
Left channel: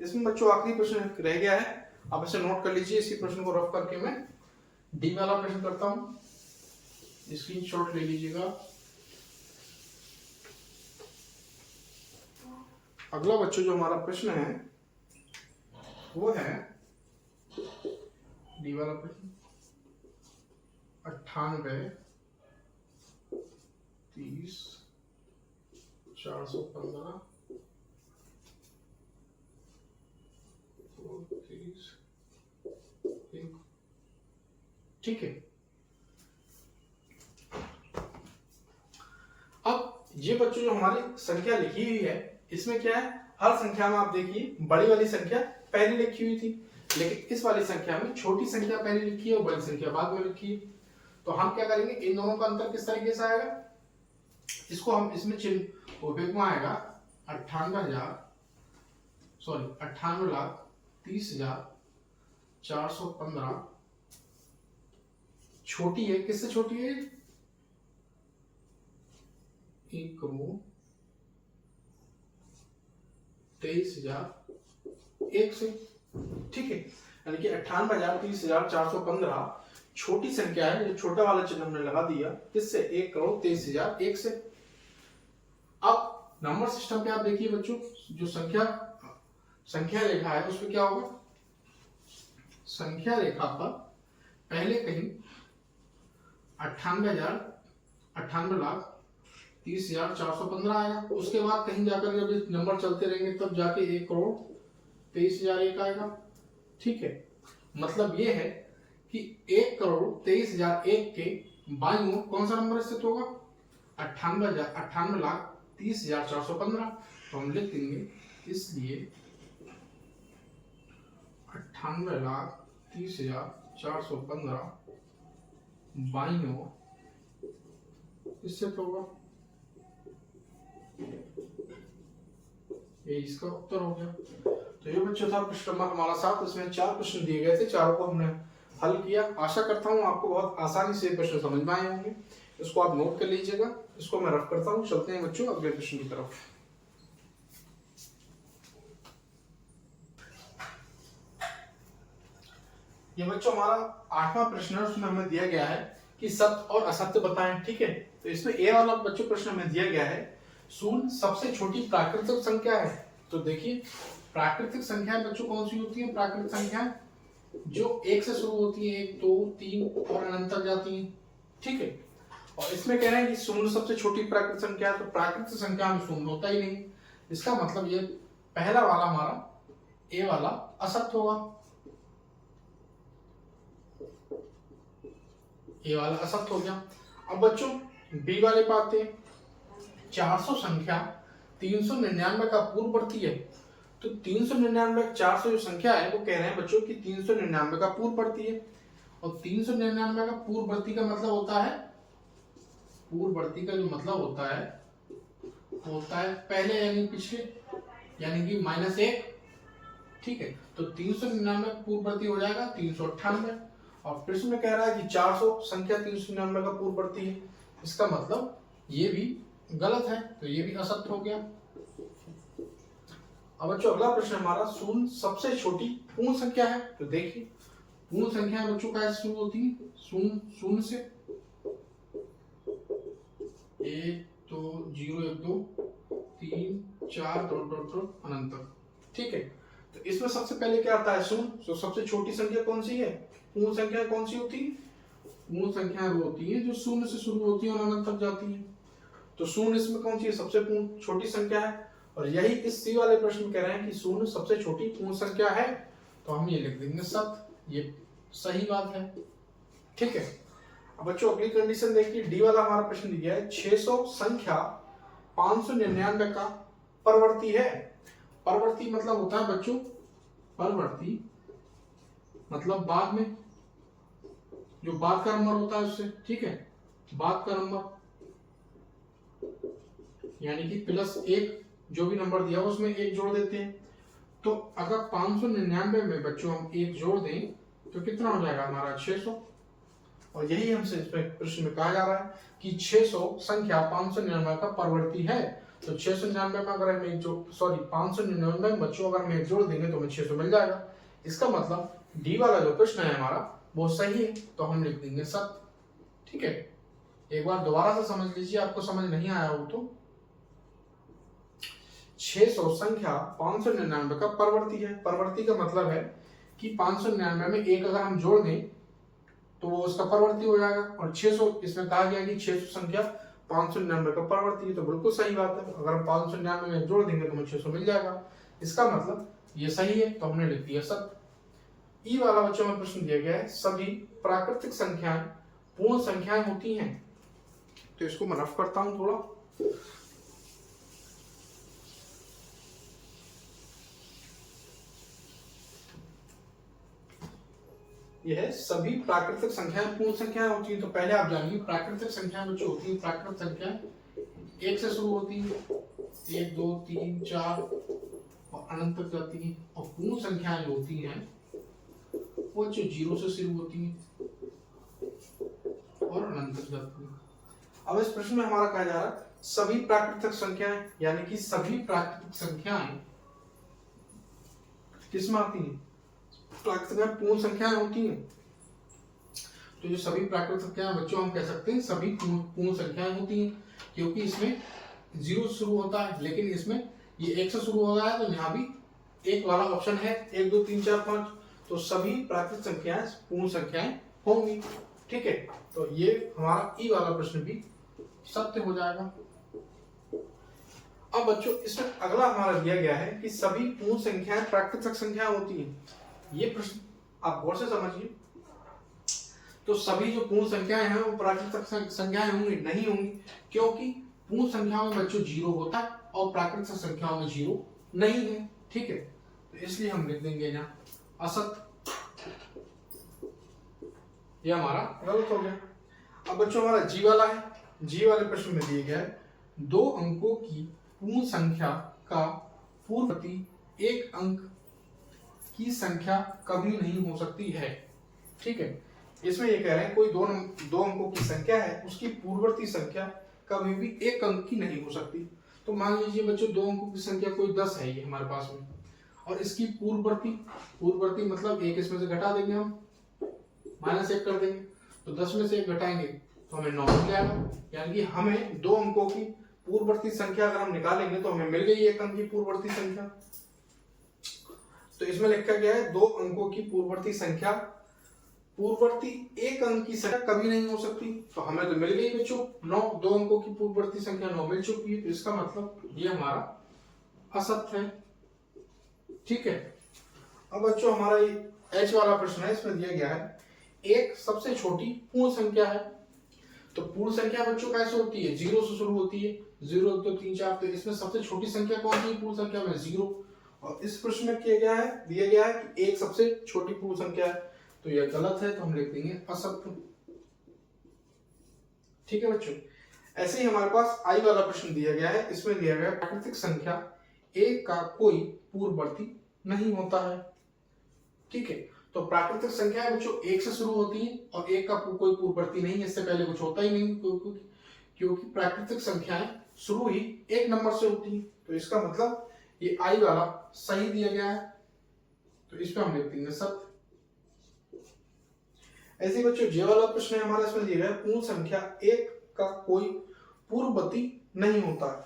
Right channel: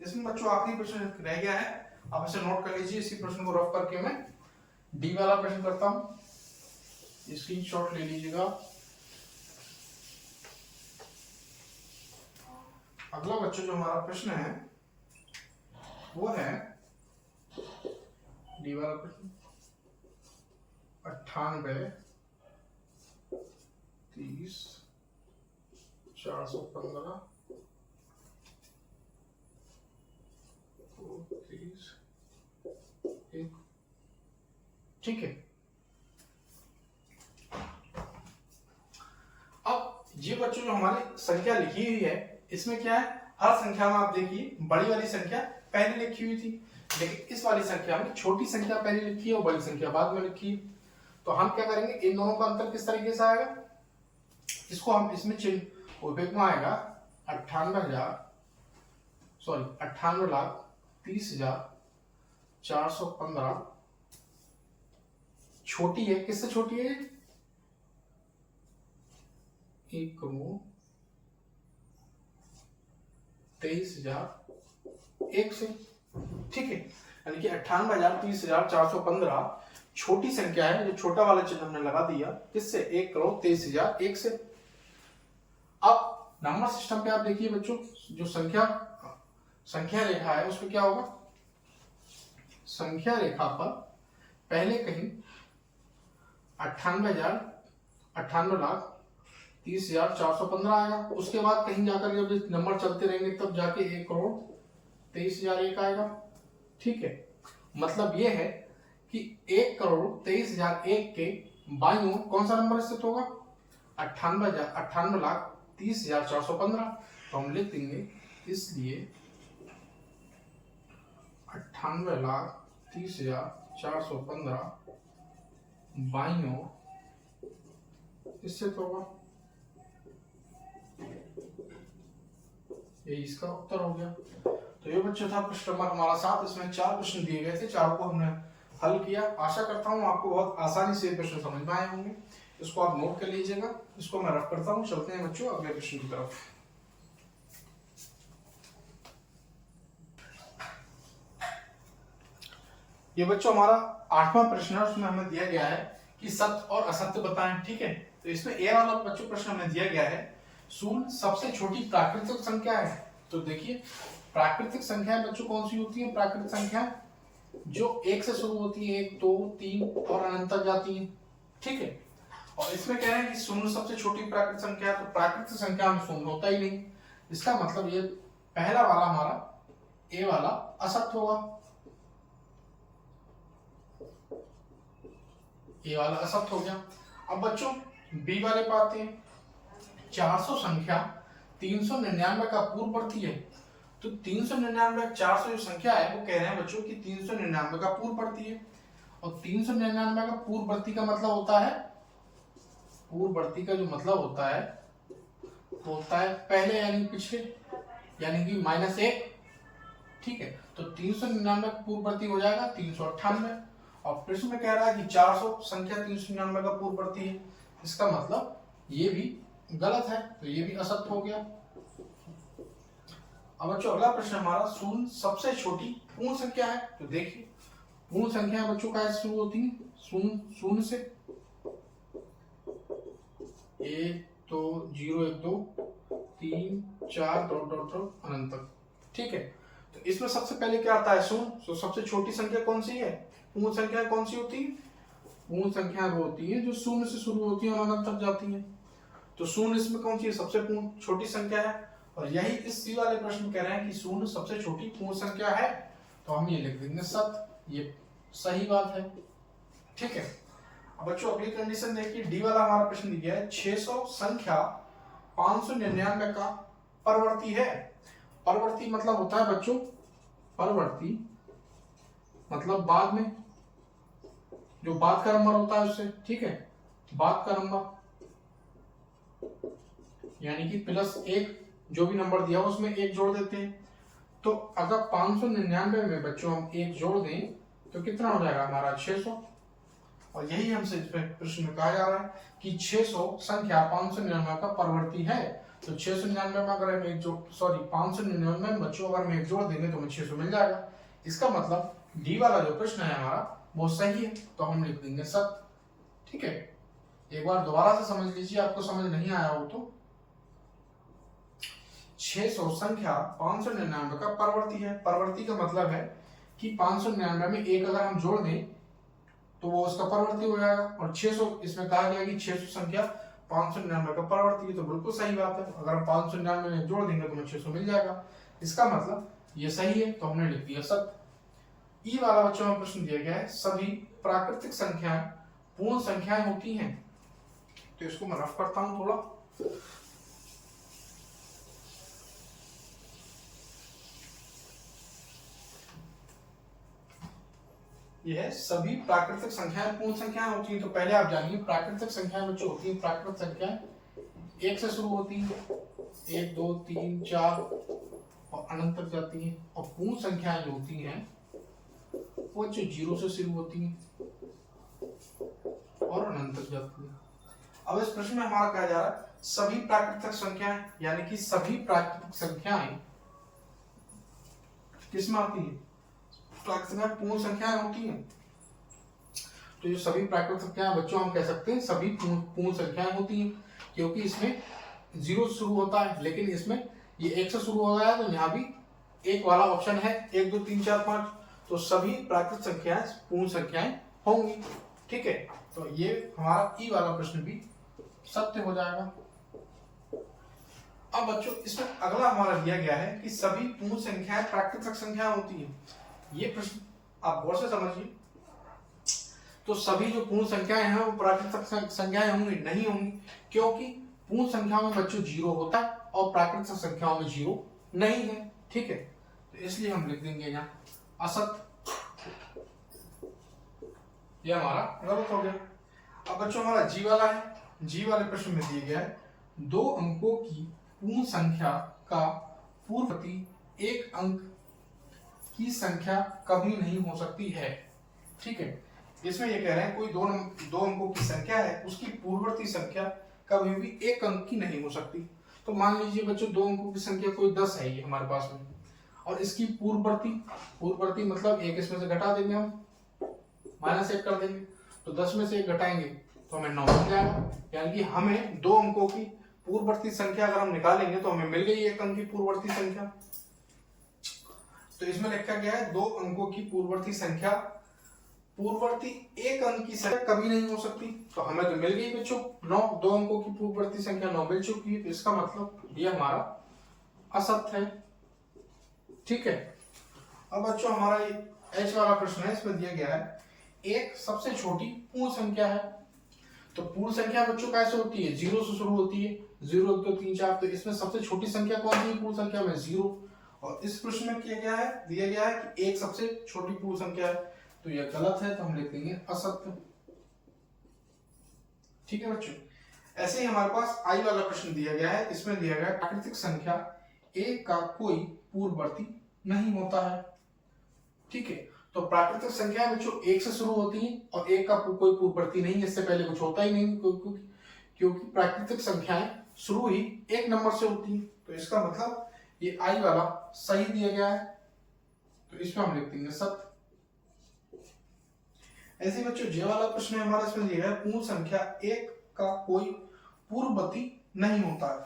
इसमें बच्चों आखिरी प्रश्न रह गया है, आप इसे नोट कर लीजिए। इसी प्रश्न को रफ करके मैं डी वाला प्रश्न करता हूं, स्क्रीनशॉट ले लीजिएगा। अगला बच्चों जो हमारा प्रश्न है वो है डी वाला प्रश्न, 98 30 415 30 1। ठीक है। अब ये बच्चों जो हमारी संख्या लिखी हुई है, इसमें क्या है, हर संख्या में आप देखिए बड़ी वाली संख्या पहले लिखी हुई थी, लेकिन इस वाली संख्या में छोटी संख्या पहले लिखी है और बड़ी संख्या बाद में लिखी है। तो हम क्या करेंगे, इन दोनों का अंतर किस तरीके से आएगा, इसको हम इसमें चिन्ह उपयोग में आएगा 98,30,415 छोटी है, किससे छोटी है, 1,23,001 से। ठीक है, यानी कि 98,30,415 छोटी संख्या है, जो छोटा वाला चिन्ह हमने लगा दिया, किससे, 1,23,001 से। अब नंबर सिस्टम पे आप देखिए बच्चों, जो संख्या रेखा है उसमें क्या होगा, संख्या रेखा पर पहले कहीं 98,30,415 आएगा, उसके बाद कहीं जाकर जब नंबर चलते रहेंगे तब जाके 1,23,001 आएगा। ठीक है, मतलब ये है कि 1,23,001 के बाईं ओर कौन सा नंबर स्थित होगा, 98,30,415। तो हम लिख देंगे, इसलिए 98,30,415 बाईं ओर स्थित होगा। ये इसका उत्तर हो गया। तो ये बच्चों था प्रश्न नंबर हमारा 7। इसमें 4 प्रश्न दिए गए थे, चारों को हमने हल किया। आशा करता हूँ आपको बहुत आसानी से प्रश्न समझ में आए होंगे। इसको आप नोट कर लीजिएगा, इसको मैं रफ करता हूँ। चलते हैं बच्चों अगले प्रश्न की तरफ। ये बच्चों हमारा 8वां प्रश्न है, उसमें हमें दिया गया है कि सत्य और असत्य बताएं। ठीक है, तो इसमें ए वाला बच्चों प्रश्न हमें दिया गया है, शून्य सबसे छोटी प्राकृतिक संख्या है। तो देखिए, प्राकृतिक संख्याएं बच्चों कौन सी होती है, प्राकृतिक संख्या जो 1 से शुरू होती है, 1 2 3 और अनंत तक जाती है। ठीक है, और इसमें कह रहे हैं कि शून्य सबसे छोटी प्राकृतिक संख्या, तो प्राकृतिक संख्या में शून्य होता ही नहीं। इसका मतलब ये पहला वाला हमारा ए वाला असत्य होगा, ये वाला असत्य हो गया। अब बच्चों बी वाले पे आते हैं। 400 संख्या 399 का पूर्ववर्ती है। तो 399 400 जो संख्या है वो कह रहे हैं बच्चों कि 399 का पूर्ववर्ती है। और 399 का पूर्ववर्ती का मतलब होता है, पूर्ववर्ती का जो मतलब होता है वो होता है पहले यानी पिछले, यानी कि -1। ठीक है, तो 399 पूर्ववर्ती हो जाएगा 398। और प्रश्न में कह रहा है कि 400 संख्या 399 का पूर्ववर्ती है, इसका मतलब ये भी गलत है, तो ये भी असत्य हो गया। अब बच्चों अगला प्रश्न हमारा, शून्य सबसे छोटी पूर्ण संख्या है। तो देखिए, पूर्ण संख्या बच्चों का शुरू होती है शून्य से, 1 2 0 1 2 3 4 अनंत तक। ठीक है, तो इसमें सबसे पहले क्या आता है, शून्य। तो सबसे छोटी संख्या कौन सी है, पूर्ण संख्या कौन सी होती है, पूर्ण संख्या वो होती है जो शून्य से शुरू होती है और अनंत तक जाती है। तो शून्य इसमें कौन सी है, सबसे पूर्ण छोटी संख्या है। और यही इस सी वाले प्रश्न कह रहे हैं कि शून्य सबसे छोटी पूर्ण संख्या है, तो हम ये लिख देंगे सत्य, ये सही बात है। ठीक है, अब बच्चों अगली कंडीशन देखिए, डी वाला हमारा प्रश्न दिया है, 600 संख्या 599 का परवर्ती है। परवर्ती मतलब होता है बच्चों, परवर्ती मतलब बाद में, जो बाद का नंबर होता है उससे। ठीक है, बाद का नंबर यानी कि +1 जो भी नंबर दिया उसमें 1 जोड़ देते हैं। तो अगर 599 में बच्चों हम 1 जोड़ दें तो कितना हो जाएगा हमारा 600। और यही हमसे इस प्रश्न में कहा जा रहा है कि 600 संख्या 599 का परवर्ती है। तो 699 में अगर हम 599 में बच्चों अगर हम 1 जोड़ देंगे तो हमें 600 मिल जाएगा। इसका मतलब डी वाला जो प्रश्न है हमारा वो सही है, तो हम लिख देंगे सत्य। ठीक है, एक बार दोबारा से समझ लीजिए, आपको समझ नहीं आया हो तो। 600 संख्या 599 का परवर्ती है। परवर्ती का मतलब है कि 599 में 1 अगर हम जोड़ दें तो वो उसका परवर्ती हो जाएगा। और 600 इसमें कहा गया कि 600 संख्या 599 का परवर्ती है, तो बिल्कुल सही बात है। अगर हम 599 में जोड़ देंगे तो हमें 600 मिल जाएगा। इसका मतलब ये सही है, तो हमने लिख दिया सत्य। ई वाला बच्चों में प्रश्न दिया गया है सभी प्राकृतिक संख्याएं पूर्ण संख्याएं होती हैं। तो इसको मैं रफ करता हूं थोड़ा। यह है सभी प्राकृतिक संख्याएं पूर्ण संख्याएं होती हैं। तो पहले आप जानिए प्राकृतिक संख्याएं जो होती हैं, प्राकृतिक संख्याएं 1 से शुरू होती है, 1 2 3 4 और अनंत तक जाती है। और पूर्ण संख्याएं जो होती हैं वो जो 0 से शुरू होती है और अनंत तक जाती है। अब इस प्रश्न में हमारा कहा जा रहा है सभी प्राकृतिक संख्याएं, यानी कि सभी प्राकृतिक संख्याएं किसमें आती हैं? प्राकृतिक में पूर्ण संख्याएं होती हैं। तो ये सभी प्राकृतिक संख्याएं बच्चों हम कह सकते हैं सभी पूर्ण संख्याएं होती हैं, क्योंकि इसमें 0 से शुरू होता है, लेकिन इसमें ये 1 से शुरू हो रहा है। तो यहाँ भी 1 वाला ऑप्शन है, 1 2 3 4 5। तो सभी प्राकृतिक संख्याएं पूर्ण संख्याएं होंगी। ठीक है, तो ये हमारा ई वाला प्रश्न भी सत्य हो जाएगा। अब बच्चों इसमें अगला हमारा दिया गया है कि सभी पूर्ण संख्याएं प्राकृतिक संख्या होती हैं। ये प्रश्न आप गौर से समझिए। तो सभी जो पूर्ण संख्याएं हैं वो प्राकृतिक संख्याएं होंगी? नहीं होंगी, क्योंकि पूर्ण संख्याओं में बच्चों 0 होता है और प्राकृतिक संख्याओं में 0 नहीं है। ठीक है, तो इसलिए हम लिख देंगे यहाँ असत्य। ये हमारा गलत हो गया। अब बच्चों हमारा जी वाला है। जी वाले प्रश्न में दिया गया है 2 अंकों की पूर्ण संख्या का पूर्ववर्ती 1 अंक की संख्या कभी नहीं हो सकती है। ठीक है, इसमें ये कह रहे हैं कोई दो अंकों की संख्या है, उसकी पूर्ववर्ती संख्या कभी भी 1 अंक की नहीं हो सकती। तो मान लीजिए बच्चों 2 अंकों की संख्या कोई 10 है ये हमारे पास में, और इसकी पूर्ववर्ती मतलब 1 इसमें से घटा देंगे हम, -1 कर देंगे। तो 10 में से 1 घटाएंगे तो हमें 9 मिल जाएगा। यानी कि हमें 2 अंकों की पूर्ववर्ती संख्या अगर हम निकालेंगे तो हमें मिल गई 1 अंक की पूर्ववर्ती संख्या। तो इसमें लिखा गया है 2 अंकों की पूर्ववर्ती संख्या, पूर्ववर्ती 1 अंक की संख्या कभी नहीं हो सकती। तो हमें तो मिल गई बच्चों 9, 2 अंकों की पूर्ववर्ती संख्या 9 मिल चुकी है। तो इसका मतलब ये हमारा असत्य है। ठीक है, अब बच्चों हमारा ये एच वाला प्रश्न है, इसमें दिया गया है 1 सबसे छोटी पूर्ण संख्या है। तो पूर्ण संख्या बच्चों कैसे होती है? 0 से शुरू होती है, 0 1 2 3 4। तो इसमें सबसे छोटी संख्या कौन सी है पूर्ण संख्या में? 0। और इस प्रश्न में दिया गया है कि 1 सबसे छोटी पूर्ण संख्या है। तो यह गलत है, तो हम लिख देंगे असत्य। ठीक है बच्चों, ऐसे ही हमारे पास आई वाला प्रश्न दिया गया है। इसमें दिया गया है प्राकृतिक संख्या 1 का कोई पूर्ववर्ती नहीं होता है। ठीक है, तो प्राकृतिक संख्या बच्चों 1 से शुरू होती है और 1 का कोई पूर्ववर्ती नहीं है, इससे पहले कुछ होता ही नहीं, क्योंकि प्राकृतिक संख्याएं शुरू ही 1 नंबर से होती है। तो इसका मतलब ये आई वाला सही दिया गया है, तो इसमें हम लिख देंगे सत्य। ऐसे बच्चों जे वाला प्रश्न है हमारा, इसमें दिया गया है पूर्ण संख्या 1 का कोई पूर्ववर्ती नहीं होता है।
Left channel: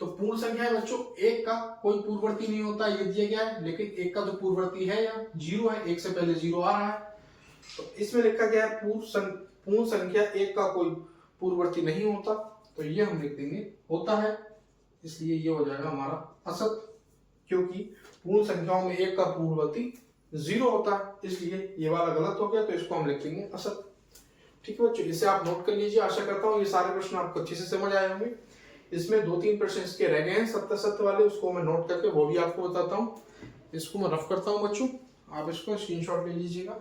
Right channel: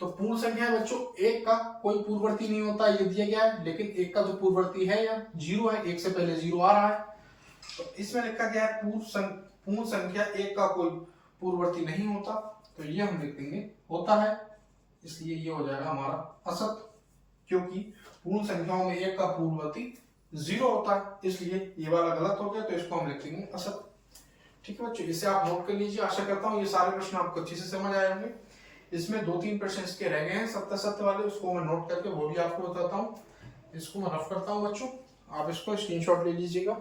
तो पूर्ण संख्या बच्चों 1 का कोई पूर्ववर्ती नहीं होता ये दिया गया है, लेकिन 1 का जो पूर्ववर्ती है या 0 है, 1 से पहले 0 आ रहा है। तो इसमें लिखा गया है पूर्ण संख्या 1 का कोई पूर्ववर्ती नहीं होता। तो ये हम लिख देंगे होता है, इसलिए ये हो जाएगा हमारा असत्य, क्योंकि पूर्ण संख्याओं में 1 का पूर्ववर्ती 0 होता है, इसलिए ये वाला गलत हो गया। तो इसको हम लिख देंगे असत्य। ठीक है बच्चों, इसे आप नोट कर लीजिए। आशा करता हूँ ये सारे प्रश्न आपको अच्छे से समझ आए होंगे। इसमें 2-3 प्रश्न इसके रह गए हैं सत्य वाले, उसको मैं नोट करके वो भी आपको बताता हूँ। इसको मैं रफ करता हूँ बच्चों, आप इसको स्क्रीनशॉट ले लीजिएगा।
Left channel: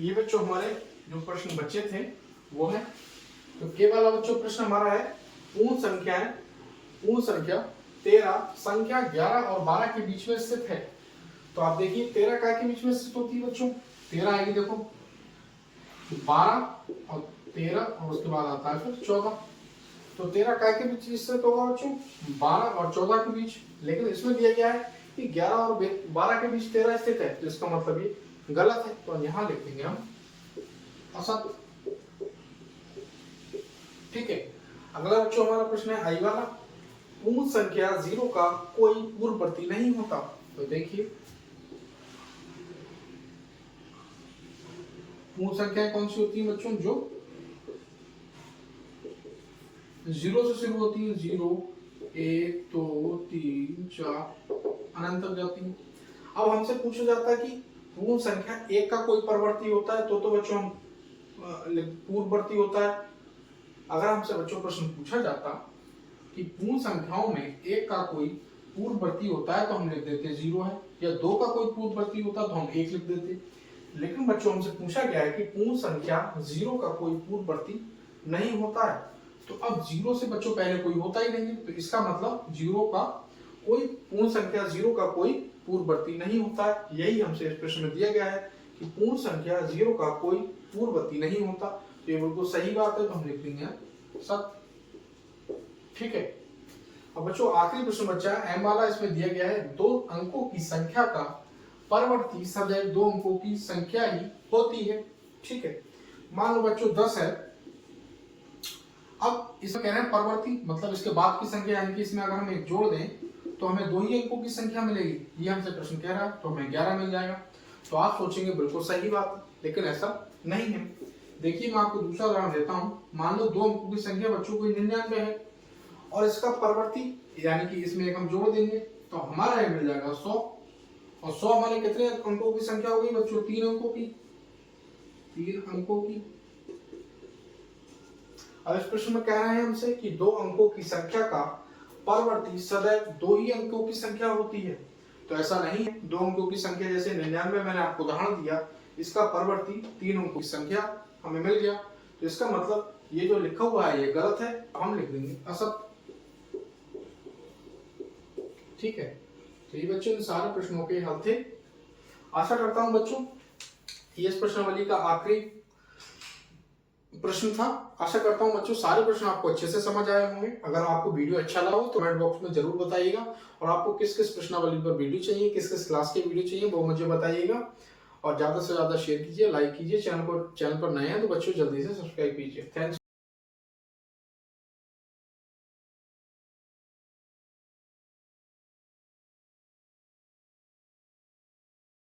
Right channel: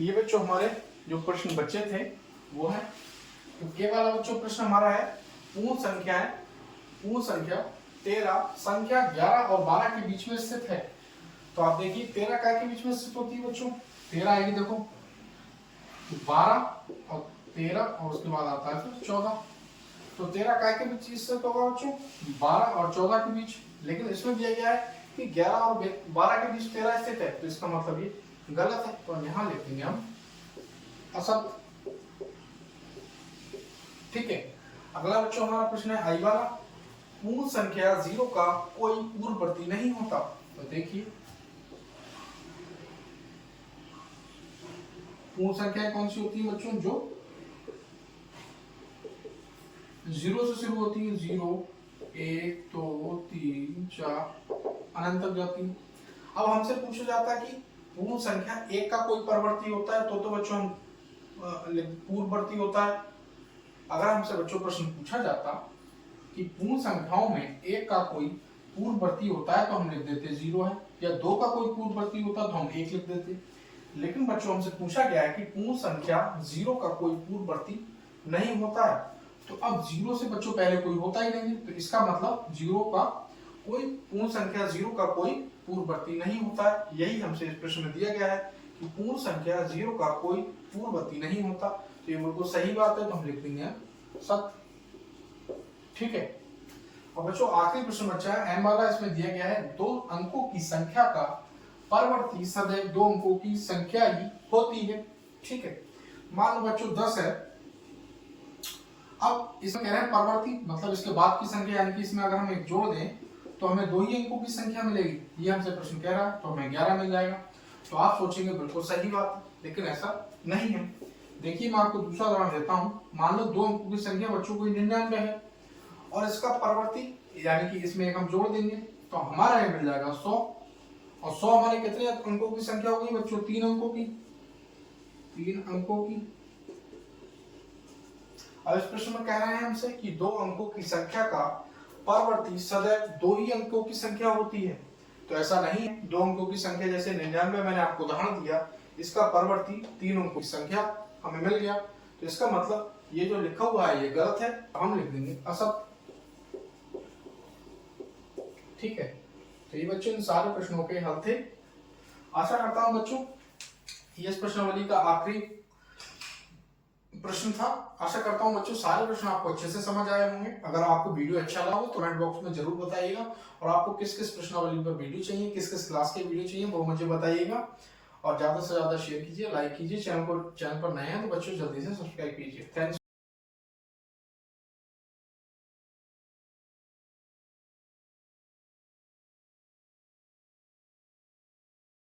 ये बच्चों हमारे जो प्रश्न बच्चे थे वो है, तो के वाला बच्चों प्रश्न हमारा है पूर्ण संख्या 13 संख्या 11 और 12 के बीच में स्थित है। तो आप देखिए 13 काय के बीच में स्थित होती है बच्चों? 13 आएगी, देखो 12 और 13 और उसके बाद आता है फिर 14। तो 13 काय के बीच स्थित होगा बच्चों? 12 और 14 के बीच। लेकिन इसमें दिया गया है कि 11 और 12 के बीच 13 स्थित है, तो इसका मतलब ये गलत है। तो यहां लिख देंगे हम असत्य। ठीक है, अगला बच्चों हमारा प्रश्न है आई वाला, पूर्ण संख्या 0 का कोई पूर्ववर्ती नहीं होता। तो देखिए पूर्ण संख्या कौन सी होती है बच्चों? जो 0 से शुरू होती है, 0 1 2 3 4 अनंत तक जाती है। अब हमसे पूछा जाता है कि पूर्ण संख्या 1 का कोई परवर्ती होता है, तो बच्चों हम पूर्ववर्ती होता है। अगर हमसे बच्चों प्रश्न पूछा जाता कि पूर्ण संख्याओं में 1 का कोई पूर्ववर्ती होता है, तो हम लिख देते 0 है, या 2 का कोई पूर्ववर्ती होता है तो हम 1 लिख देते। लेकिन बच्चों हमसे पूछा गया है कि पूर्ण संख्या 0 का कोई पूर्ववर्ती नहीं होता है। तो अब 0 से बच्चों पहले कोई होता ही नहीं, तो इसका मतलब 0 का कोई पूर्ण संख्या 0 का कोई पूर्ववर्ती नहीं होता है। यही हमसे इस प्रश्न में दिया गया है कि पूर्ण संख्या 0 का कोई पूर्ववर्ती नहीं होता। तो ये बिल्कुल सही बात है, तो हम लिख देंगे सत्य। ठीक है, अब बच्चों आखिरी प्रश्न बचा है एम वाला। इसमें दिया गया है 2 अंकों की संख्या का परवर्ती सदैव 2 अंकों की संख्या ही होती है। ठीक है, मान लो बच्चों 10 है। अब इसमें कह रहे हैं परवर्ती मतलब इसके बाद की संख्या, यानी कि इसमें अगर हम एक जोड़ दें तो हमें 2 ही अंकों की संख्या मिलेगी। ये हमसे प्रश्न कह रहा है, तो हमें 11 मिल जाएगा। तो आप सोचेंगे बिल्कुल सही बात, लेकिन ऐसा नहीं है। देखिए मैं आपको दूसरा उदाहरण देता हूं। मान लो 2 अंकों की संख्या बच्चों को 99 है और इसका परवर्ती यानी कि इसमें एक हम जोड़ देंगे तो हमारा ये मिल जाएगा 100। और 100 हमारे कितने अंकों की संख्या होगी बच्चों? 3 अंकों की। 3 अंकों की। अब इस प्रश्न में कह रहे हैं हमसे कि 2 अंकों की संख्या का परवर्ती सदैव 2 ही अंकों की संख्या होती है। तो ऐसा नहीं है। 2 अंकों की संख्या जैसे 99 मैंने आपको उदाहरण दिया, इसका परवर्ती 3 अंकों की संख्या हमें मिल गया। तो इसका मतलब ये जो लिखा हुआ है ये गलत है, हम लिख देंगे असत्य। ठीक है, तो ये बच्चों इन सारे प्रश्नों के हल थे। आशा करता हूं बच्चों ये इस प्रश्नावली का आखिरी प्रश्न था। आशा करता हूं बच्चों सारे प्रश्न आपको अच्छे से समझ आए होंगे। अगर आपको वीडियो अच्छा लगा हो तो कमेंट बॉक्स में जरूर बताइएगा, और आपको किस किस प्रश्नावली पर वीडियो चाहिए, किस किस क्लास के वीडियो चाहिए वो मुझे बताइएगा। और ज्यादा से ज्यादा शेयर कीजिए, लाइक कीजिए। चैनल पर नए हैं तो बच्चों जल्दी से सब्सक्राइब कीजिए। थैंक्स।